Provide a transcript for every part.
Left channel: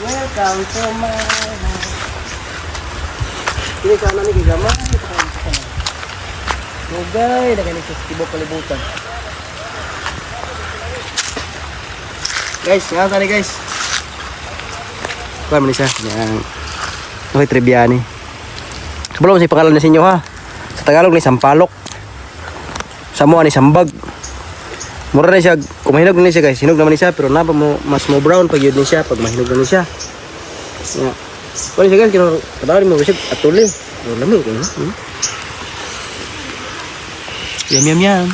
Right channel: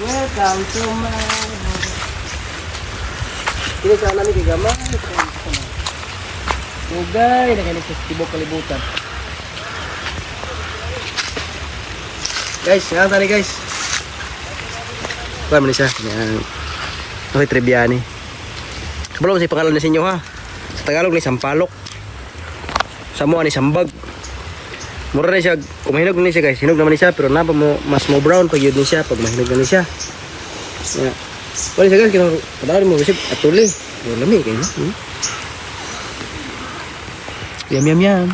Welcome to my home. Kini sa ano ni gamay. Nugay na ganito sa tibok kalibutan. Guys, nga tani guys. Kuha mo ni siya. Uy, trivia ni. Kabalo si pangalan na sa inyo ha. Sa Tagalog ni Sampalok. Sa Moa ni Sambag. Mura na siya. Kung mahinog na siya guys. Hinog naman ni siya. Pero na pa mo, mas mo brown pag yun ni siya. Pag mahinog na ni siya. Yeah. Wala siya guys. Kadaan mo receipt at tuloy. Lami kayo. Yum yum yum.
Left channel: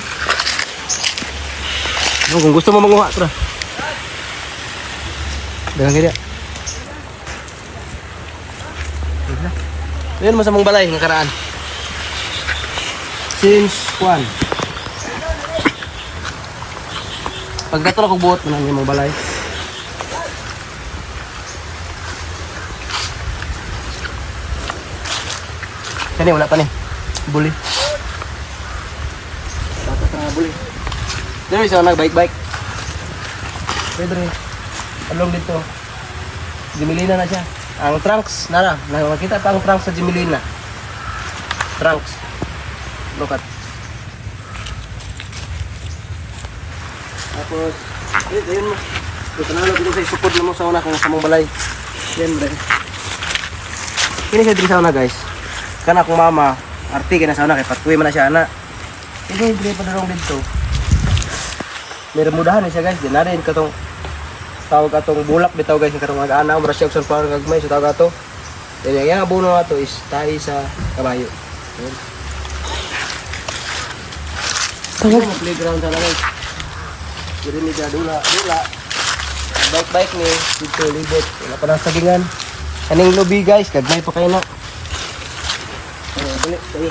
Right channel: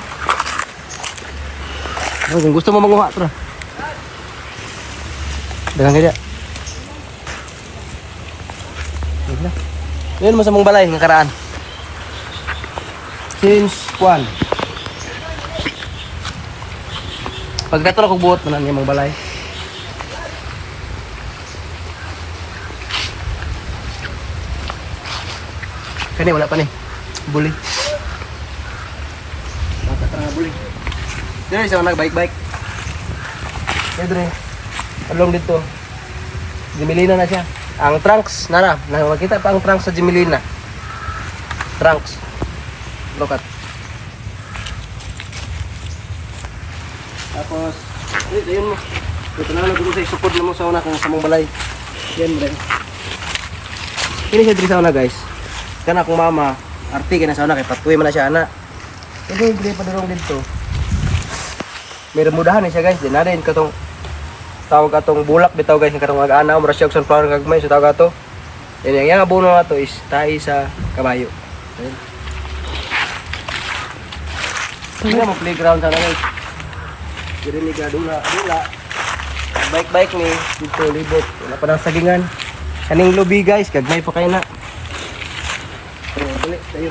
Oh, kung gusto mo manguha, tara. Dalang kaya. Yan mo sa mong balay ng karaan. Since 1. Pagkatulog kong buot mo na yung mong balay. Kani wala pa ni. Buli. Bata ka nga buli. Dito isa nag-bike-bike. Dito rin. Along dito. Jimilina na siya. Ang trunks, nakakita pa ang trunks sa Jimilina. Trunks. Brokat. Tapos, yun mo. Ito na lang ko sa isupod na mo sa una kung sa mong balay. Yan mo rin. Ini siya dito sa una guys. Kana akong mama, arti ka na sa una kay patuwi man na siya ana. Hindi, hindi pa darong dito. May remudahan na siya guys. Di na rin katong tawag atong bulak bitaw guys ng karong mag-ana mura siya og sunflower gagmay so tawag ato. Yan yang abono ato is tahi sa kabayo. Ayun. Ano mo playground sana guys. Dili ni dula. Bike ni dito libot. Wala pa nang sagingan. Kaning lobby guys, gagmay pa kayo na. Balik tayo.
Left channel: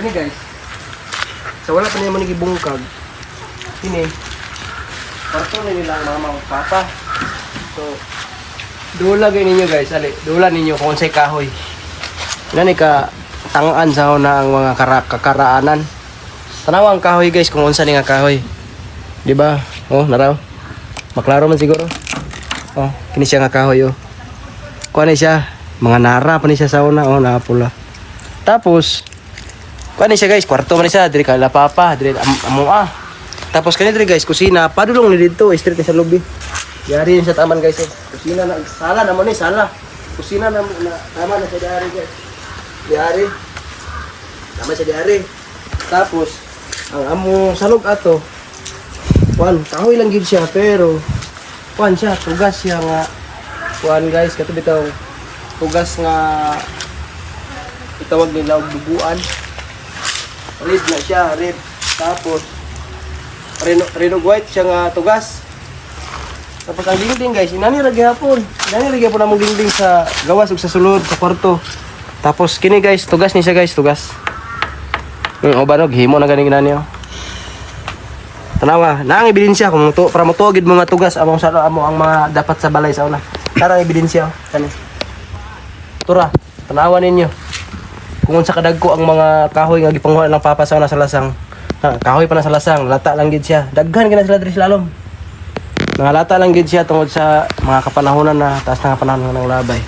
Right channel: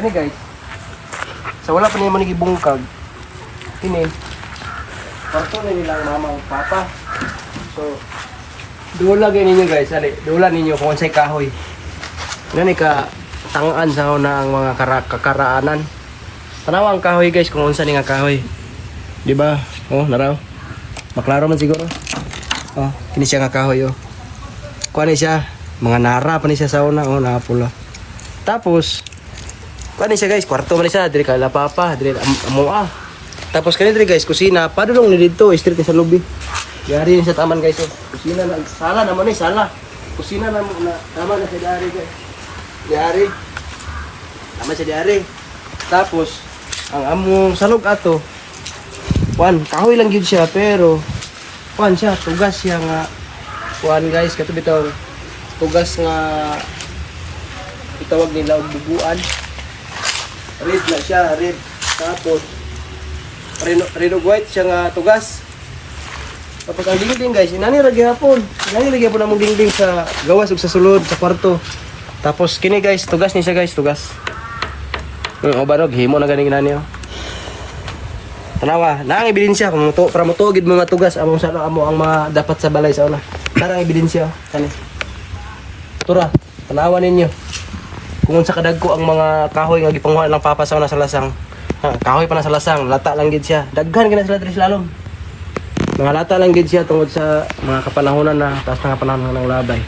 Kani guys. Sa wala pa ni man gibungkag. Ini kwarto na nilang mama o papa. So dula gay ninyo guys, ali. Dula ninyo kung unsay kahoy. Ngani ka tangan sa una ang mga kakaraanan. Tanaw ang kahoy guys kung unsa ni nga kahoy. Di ba? Oh, naraw. Maklaro man siguro. Oh, kini siya nga kahoy oh. Kuha ni siya, mga nara pa ni siya sa una, oh, napula. Tapos kuha ni siya guys, kwarto man ni siya, diri ka la papa, diri among Tapos kanito guys, kusina, padulong ni dito, straight ni sa lobby. Yari yun sa taman guys, oh. Kusina na, sala naman eh, sala. Kusina na, tama na sa diari guys. Diari. Tama sa diari. Tapos, ang among salog ato, kuan, kahoy lang yun siya, pero, kuan siya, tugas siya nga, kuan guys, kato bitaw, tugas nga, itawag nila og buguan. Red na siya, red. Tapos, Reno white siya nga tugas. Tapos ang dingding guys, inaniragay hapon. Inaniragay po namang dingding sa gawas ug sa sulod sa kwarto. Tapos kini guys, tugas ni siya guys, tugas. O ba no, gihimo na ganing ginani. Tanawa, naang ebidensya kung para motuogid mo nga tugas among sa amo ang mga dapat sa balay sa una. Tarang ebidensya kani. Tura, tanawa ninyo. Kung unsa kadagko ang mga kahoy nga gipanghuan ng papa sa una sa lasang. Kahoy pa na sa lasang, lata lang gid siya. Daghan gina sila diri sa lalom. Mga lata lang gid siya tungod sa mga kapanahonan na taas na panahon ng labay.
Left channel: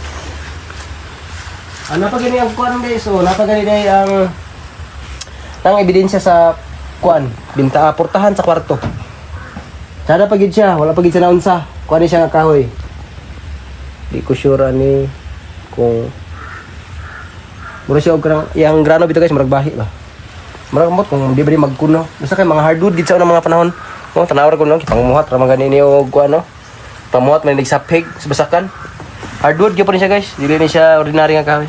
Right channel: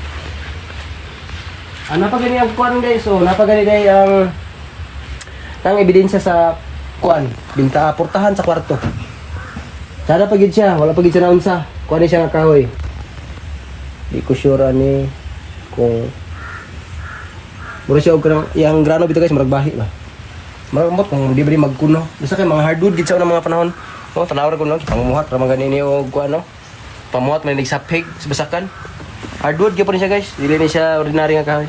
Ano pa gani ang kuan guys? So, napagani day ang ebidensya sa kuan, binta portahan sa kwarto. Sada pa gid siya, wala pa gid siya na unsa. Kuan ni siya nga kahoy. Di ko sure ani kung mura siya og yang grano bitaw guys, murag bahi ba. Marambot kung di ba magkuno. Basta kay mga hardwood dito sa unang mga panahon. No, tanawar ko no, pangumuhat ra mga ganini og kuan no. Pamuhat may nagsapig sa basakan. Hardwood gyud pa rin siya guys. Dili ni siya ordinary nga kahoy.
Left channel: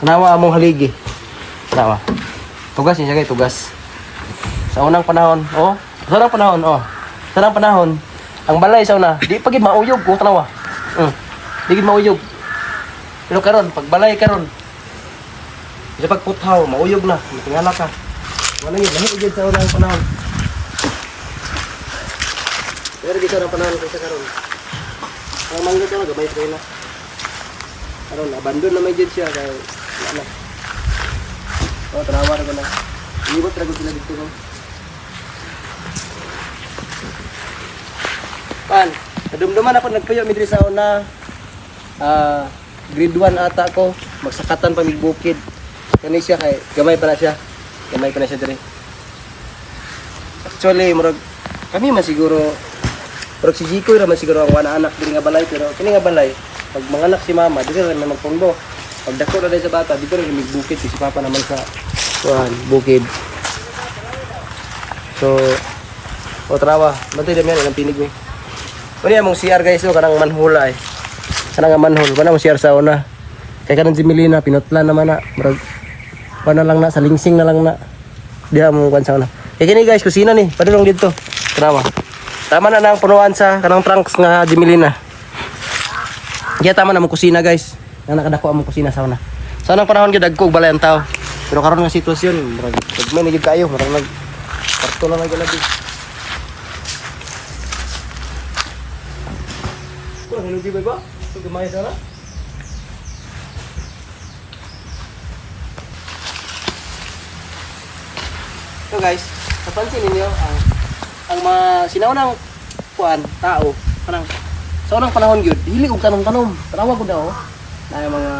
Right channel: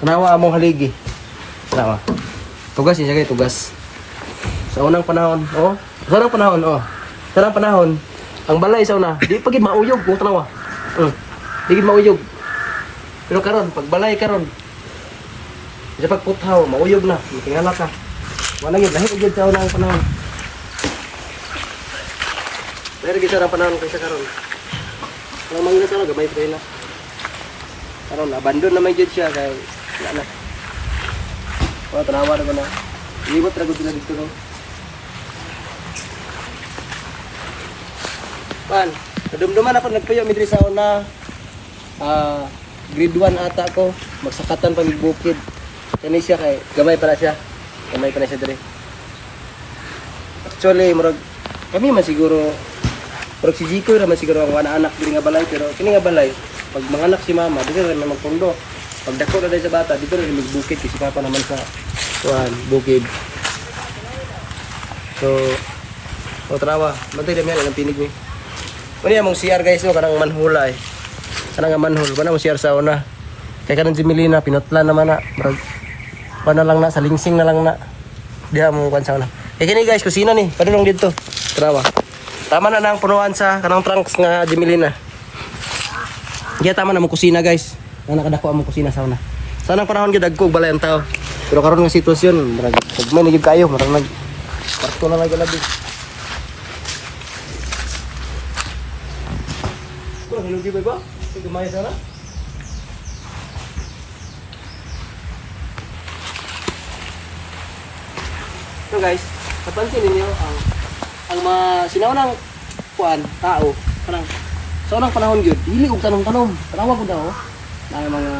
Tanawa among haligi. Tanawa. Tugas niya guys, tugas. Sa unang panahon, oh. Sa unang panahon, oh. Sa unang panahon, ang balay sa una, di pa gid mauyog kung tanawa. Di gid mauyog. Pero karon, pagbalay karon. Sa pagputhaw, mauyog na, matingala ka. Wala gid lahi gid sa unang panahon. Pero gid sa panahon ko sa karon. Ang mangga talaga may trena. Karon abandon na may gid siya kay ano. So tanawa ra gana. Liwat ra gud sila dito guys. Kan, kadumduman ako nagpuyo mi diri sa una. Grade 1 ata ko, magsakatan pa mig bukid. Kani siya kay gamay pa na siya. Gamay pa na siya diri. Actually, murag kami man siguro murag si Zico ra man siguro ang wana anak diri nga balay pero kini nga balay pag manganak si mama dito ra may magpundo. Pag dako na sa bata dito ra mig bukid si papa naman sa bukid. So, trawa. Bantay na meron ang tinig ni. Pwede mong CR guys, kanang manhula eh. Kanang manhol, kanang CR sa una. Kaya kanang Jimelina, pinutlan naman na. Bro, na lang na, sa lingsing na lang na. Diha mong kwan sa una. Kaya gini guys, kusina ni, padulong dito. Tama. Tama na nang punuan sa kanang trunks nga Jimelina. Kaya tama na mong kusina guys. Nga nakadako ang mong kusina sa una. Sa unang panahon gyud dagko balay ang tao. Pero karon nga sitwasyon, marag may nagid kayo, marag nag pasto na lagi. Kung hinugi ba? Ito gamay sana. So guys, napansin ninyo ang mga sinaunang kuan tao kanang sa unang panahon gyud hilig og tanom-tanom. Tanawa ko daw na mga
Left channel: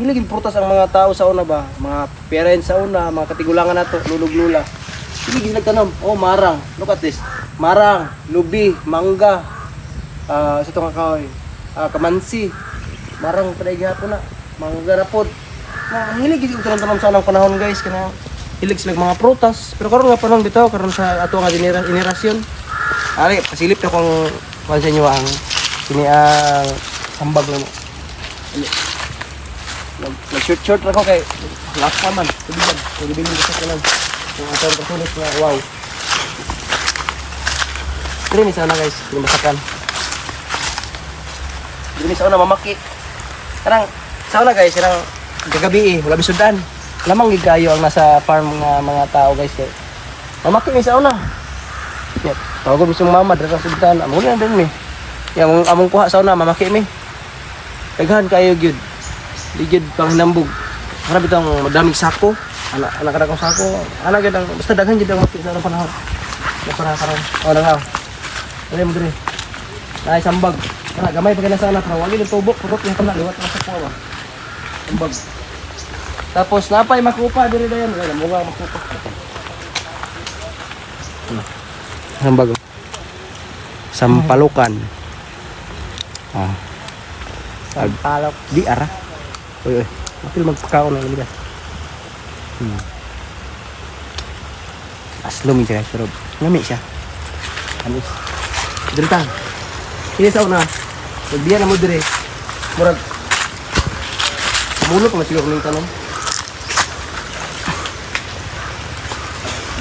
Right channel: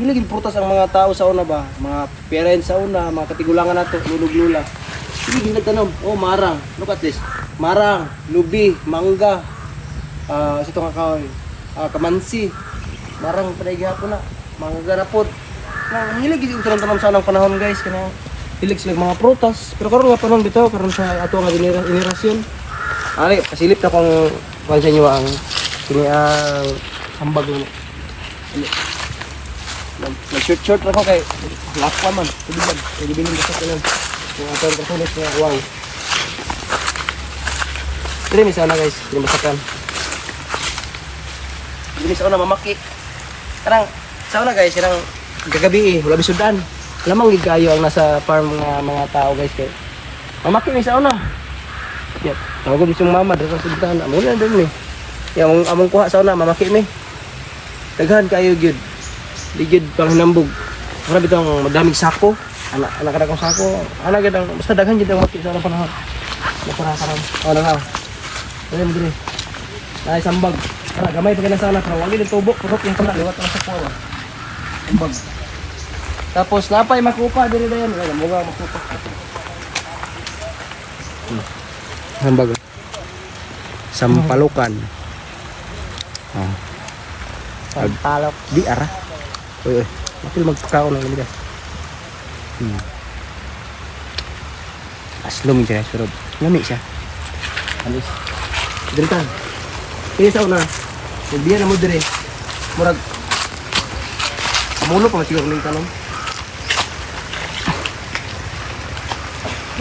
hilig og prutas ang mga tao sa una ba, mga parents sa una, mga katigulangan nato, lulog-lula. Hilig nagtanom. Oh, marang. Look at this. Marang, lubi, mangga. Sa itong kahoy. Kamansi. Marang paday gihapon na. Mangga na pod. Hilig og tanom-tanom sa unang panahon guys kana hilig sila mga prutas. Pero karon nga panahon bitaw karon sa ato nga generasyon. Ali, pasilip na kung sa inyo ang kini ang ambag na. Nag-short ra ko kay last pa man. Tubig. Tubig ko sa kanan. Kung atong kasulit na wow. Kini sana guys, kini masakan. Kini sa una mamaki. Parang sa una guys, irang gagabi wala bisudan. Lamang gid kayo ang nasa farm nga mga tao guys kay. Mamaki mi sa una. Yep. Tawag ko bisong mama dito sa sudan. Amo na din mi. Yang among kuha sa una mamaki mi. Daghan kayo gyud. Di gyud pang hinambog. Grabe tong madaming sako. Anak ko sako. Ana gyud ang basta daghan gyud ang mati sa panahon. Para karon. Oh lang. Dali mo dire. Ay sambag. Ana gamay pa kana sa ana pero wagi ni tubok purot yung kana liwat ang sako ba. Sambag. Tapos napay makupa dire dayon. Ay mo nga makupa. Sambag. Sampalukan. Sampalok di ara. Uy. Mapil magpakaon lang nila. Aslom siya, pero ngami siya. Alis. Dire tang. Sige sa una. Magbiya na mo dire. Murag mulo pa masiguro ning tanom.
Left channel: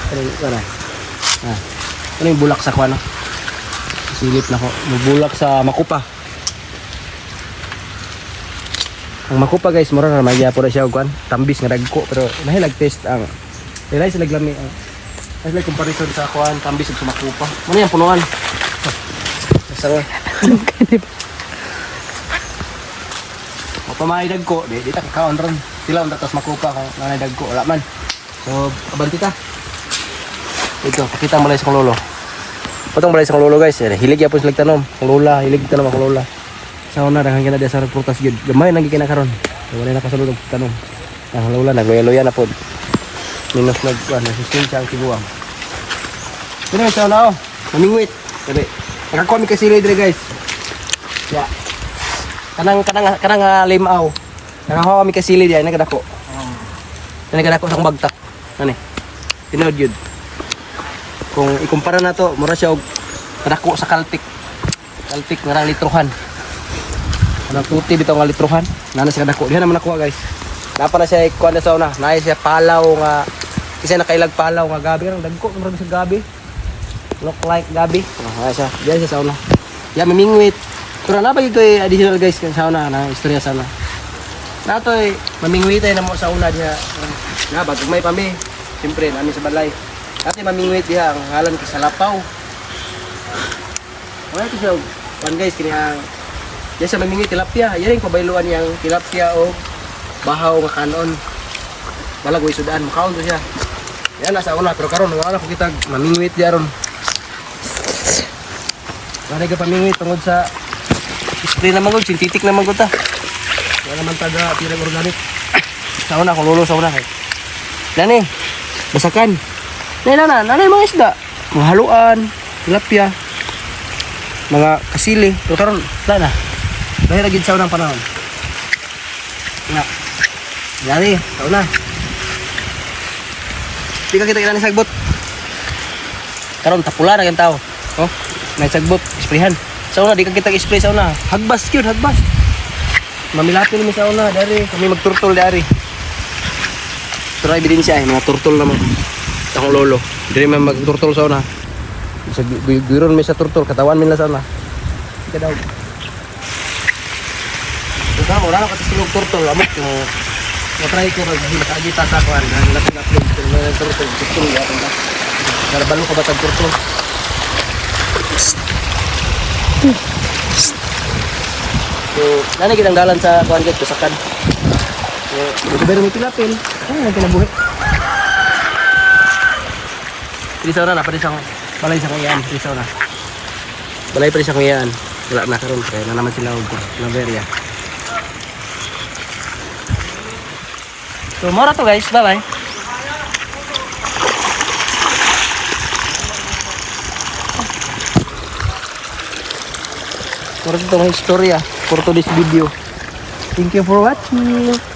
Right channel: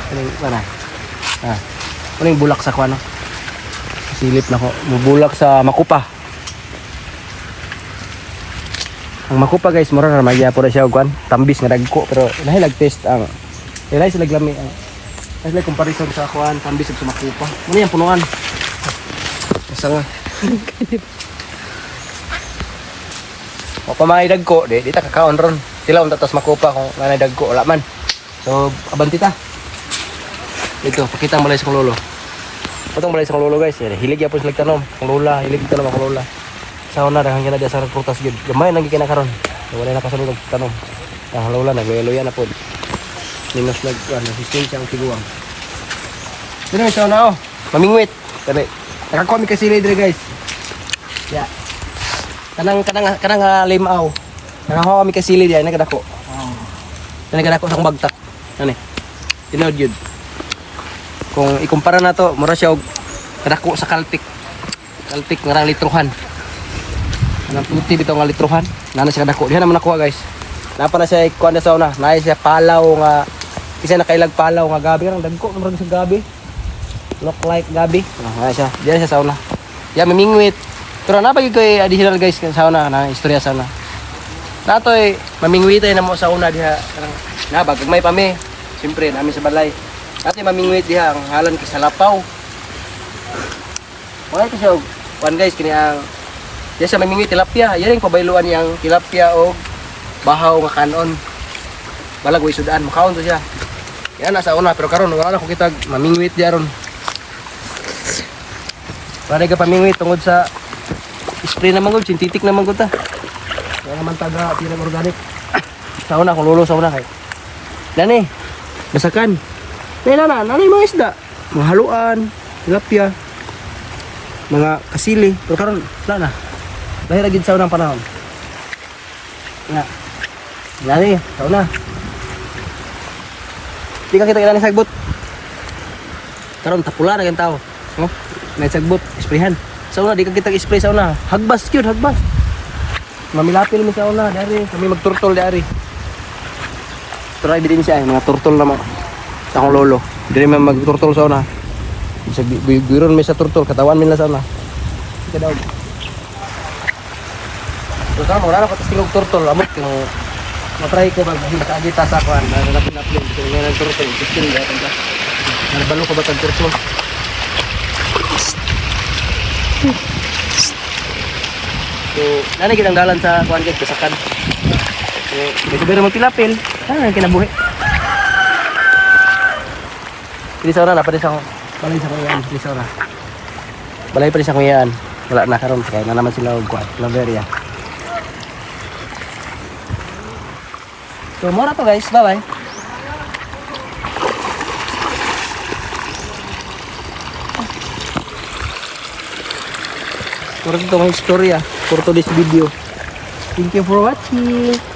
Kaning sana. Ano yung bulak sa kuano? Silip na ko. Mubulak sa makupa. Ang makupa guys, mura na magya po siya kuan, tambis nga dagko pero nahilag test ang ilay sila glami ang sila comparison sa kuan, tambis ug sa makupa. Mo yang punuan. Sang. O pamay dagko, di ta kakaon ron. Sila unta tas makupa kung nanay dagko wala man. So, abanti ta. Ito, pakita mo lang sa kong lolo. Patong balay sa kong lolo guys, hilig yapon sila tanom. Kong lola, hilig tanom kong lola. Sa una daghang kita sa prutas gyud. Gamay nang gikina karon. Wala na kasulod tanong. Ang lola nagloya na pod. Minus nasusun sa ang tiguang. Pero sa una mamingwit. Kani nakakuha mi kasi dire guys. Ya. Kanang limaw. Nakakuha mi kasi diay nagadako. Nagadako sa bagtak. Ani. Tinod yun. Kung ikumpara na to, mura siya og kadako sa Caltic. Caltic nga litruhan. Anong puti bitaw nga litruhan. Nana siya kadako. Diha naman nakuha guys. Napa na siya kuha na sa una. Naya siya palaw nga isa nakailag palaw nga gabi ang dagko murag sa gabi. Look like gabi. Nana siya. Diha siya sa una. Ya mamingwit. Pero na pag koy additional guys sa una na istorya sa una. Nato mamingwitay na mo sa una diha. Na bagay pa mi. Siyempre namin sa balay. Ate mamingwit diha ang halan kay salapaw. Wala ko siya kuan guys kini ang diya siya mamingwit tilapia. Yan yung pabayluan niyang tilapia o bahaw nga kanon. Wala ko isudan makaon to siya. Yan nasa una pero karon wala ko kita mamingwit diaron. Para ka pamingwit tungod sa spray naman gud, sintetik naman gud ta. Wala naman taga pirang organic. Sa una kung lulo sa una kay. Dani, basakan. Nanay mga isda. Mga haluan, tilapia, mga kasili. Pero karon wala na. Dahil lagi sa unang panahon. Nga. Dani, sa una. Di ka kita kilala sagbot. Karon tapula na yung tao. No? May sagbot, sprayhan. Sa una, di ka kita spray sa una. Hagbas yun, hagbas. Mamilapil mi sa una, dari. Kami magturtol dari. Pero ebidensya eh, mga turtol naman. Akong lolo. Dili man magturtol sa una. Sa biron mi sa turtol, katawan mi lang sa una. Ika daw. So kamo, wala na katasilog turtol. Amot yung matry ko mag-agita sa kuhan. Nalapin-lapin. Kaya nga nag-turtol. Turtol yata ta. Nalabalo ka ba tag-turtol? So, nani kitang dalan sa kuhan guys, kasakan. Ito pero mo tilapil. Kinabuhi. Dili sa na pa sa balay sa kuyan, dili sa na. Balay pa sa kuyan. Wala na karon kaya na naman sila og kuan, Laveria. So, mora to guys. Bye-bye. Mora to mga istorya for today's video. Thank you for watching.